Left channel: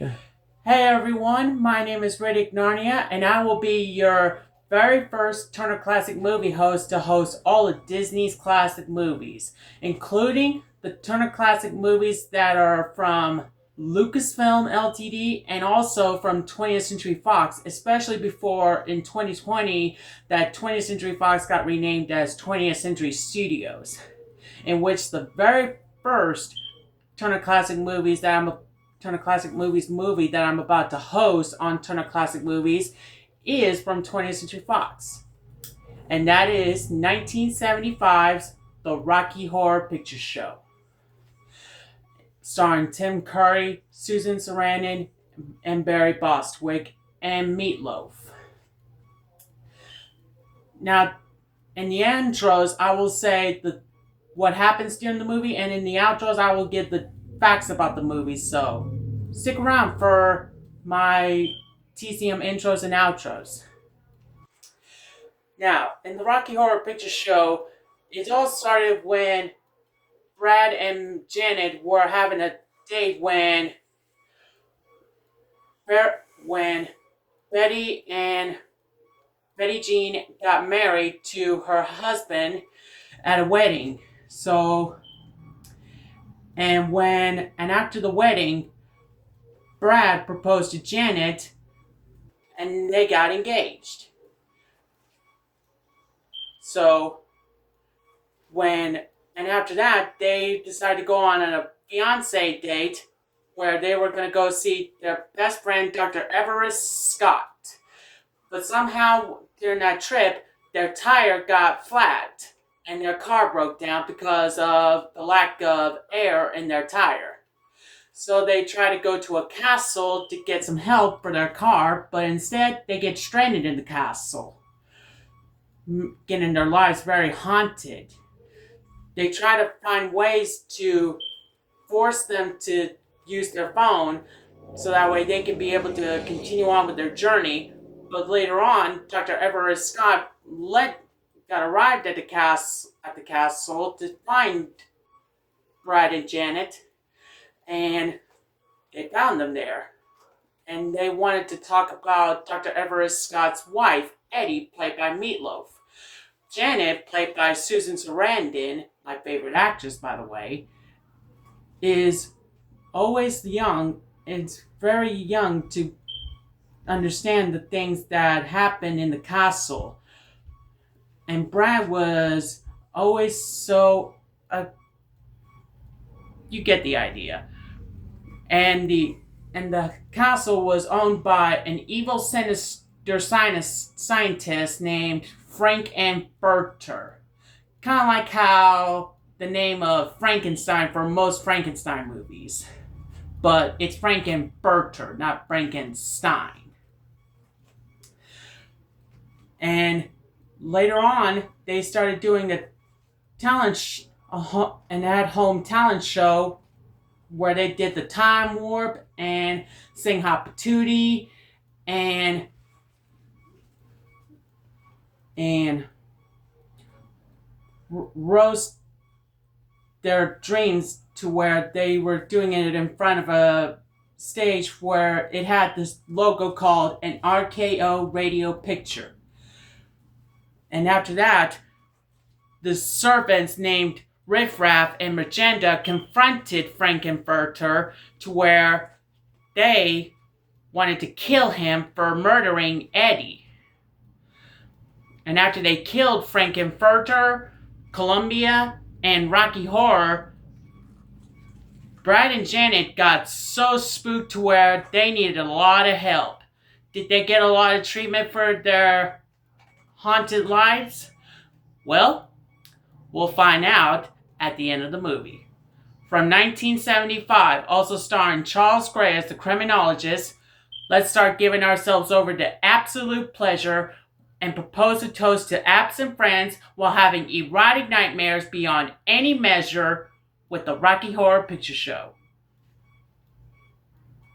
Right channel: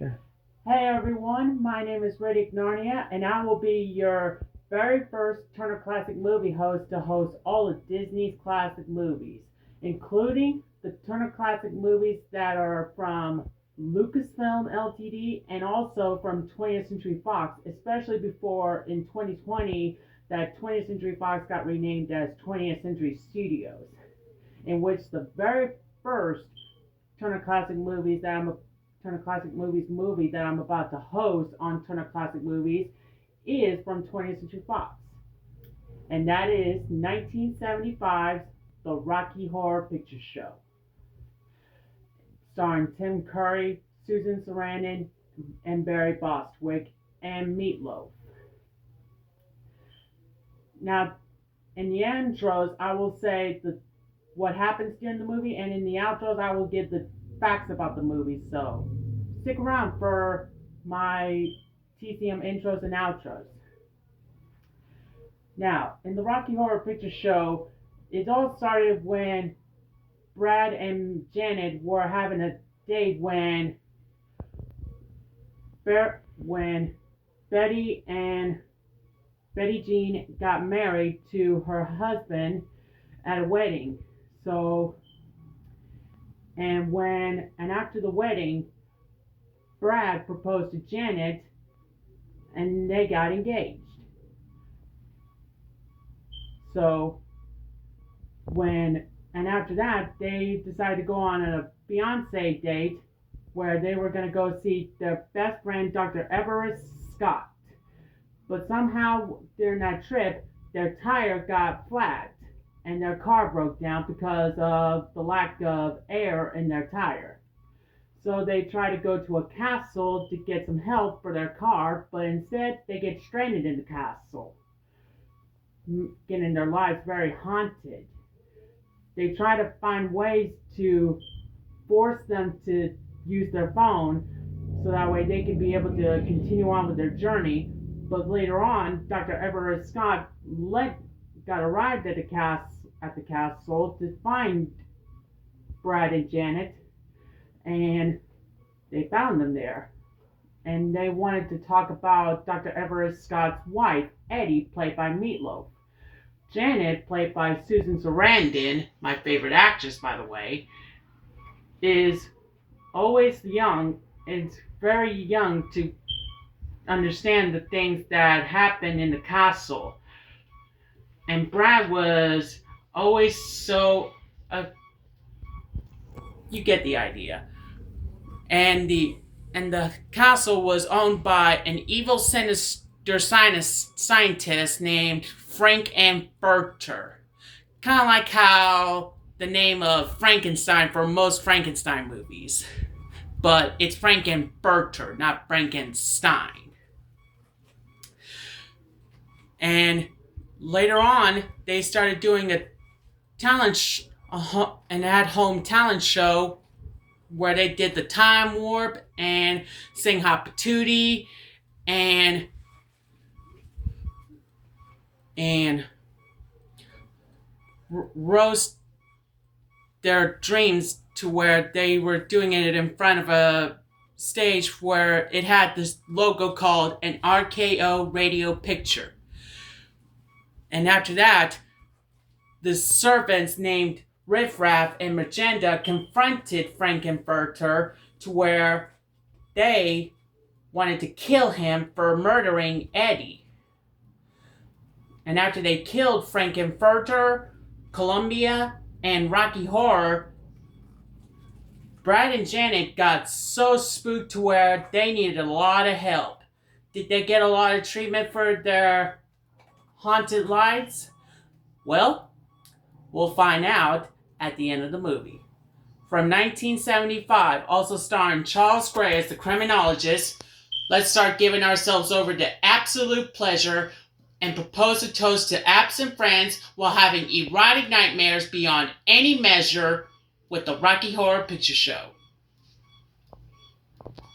Okay. Hey everyone, my name is Riddick Narnia, and I will be your very first Turner Classic Movie host to host all of Disney's classic movies, including the Turner Classic movies that are from Lucasfilm Ltd. And also from 20th Century Fox, especially before in 2020 that 20th Century Fox got renamed as 20th Century Studios, in which the very first Turner Classic Movies that I'm Turner Classic Movies movie that I'm about to host on Turner Classic Movies is from 20th Century Fox. And that is 1975's The Rocky Horror Picture Show, starring Tim Curry, Susan Sarandon, and Barry Bostwick, and Meatloaf. Now, in the intros, I will say what happens during the movie, and in the outros, I will give the facts about the movie. So stick around for my TCM intros and outros. Now, in the Rocky Horror Picture Show, it all started when Brad and Janet were having a date when Betty and Betty Jean got married to her husband at a wedding. And after the wedding, Brad proposed to Janet and they got engaged. And after that, they decided to go on a fiance date where they were going to go see their best friend, Dr. Everest Scott. But somehow during that trip, their tire got flat and their car broke down because of the lack of air in their tire. So they try to go to a castle to get some help for their car, but instead they get stranded in the castle, getting their lives very haunted. They try to find ways to force them to use their phone so that way they can be able to continue on with their journey. But later on, Dr. Everest Scott got arrived at the castle to find Brad and Janet, and they found them there. And they wanted to talk about Dr. Everest Scott's wife, Eddie, played by Meatloaf. Janet, played by Susan Sarandon, my favorite actress, by the way, is always young and very young to understand the things that happen in the castle. And Brad was always you get the idea. And the castle was owned by an evil sinister scientist named Frank-N-Furter. Kind of like how the name of Frankenstein for most Frankenstein movies. But it's Frank-N-Furter, not Frankenstein. And later on, they started doing an at-home talent show where they did the time warp and sing Hot Patootie and roast their dreams, to where they were doing it in front of a stage where it had this logo called an RKO radio picture. And after that, the servants named Riff Raff and Magenta confronted Frank-N-Furter to where they wanted to kill him for murdering Eddie. And after they killed Frank-N-Furter, Columbia, and Rocky Horror, Brad and Janet got so spooked to where they needed a lot of help. Did they get a lot of treatment for their haunted lives? Well, we'll find out at the end of the movie. From 1975, also starring Charles Gray as the criminologist, let's start giving ourselves over to absolute pleasure and propose a toast to absent friends while having erotic nightmares beyond any measure with the Rocky Horror Picture Show.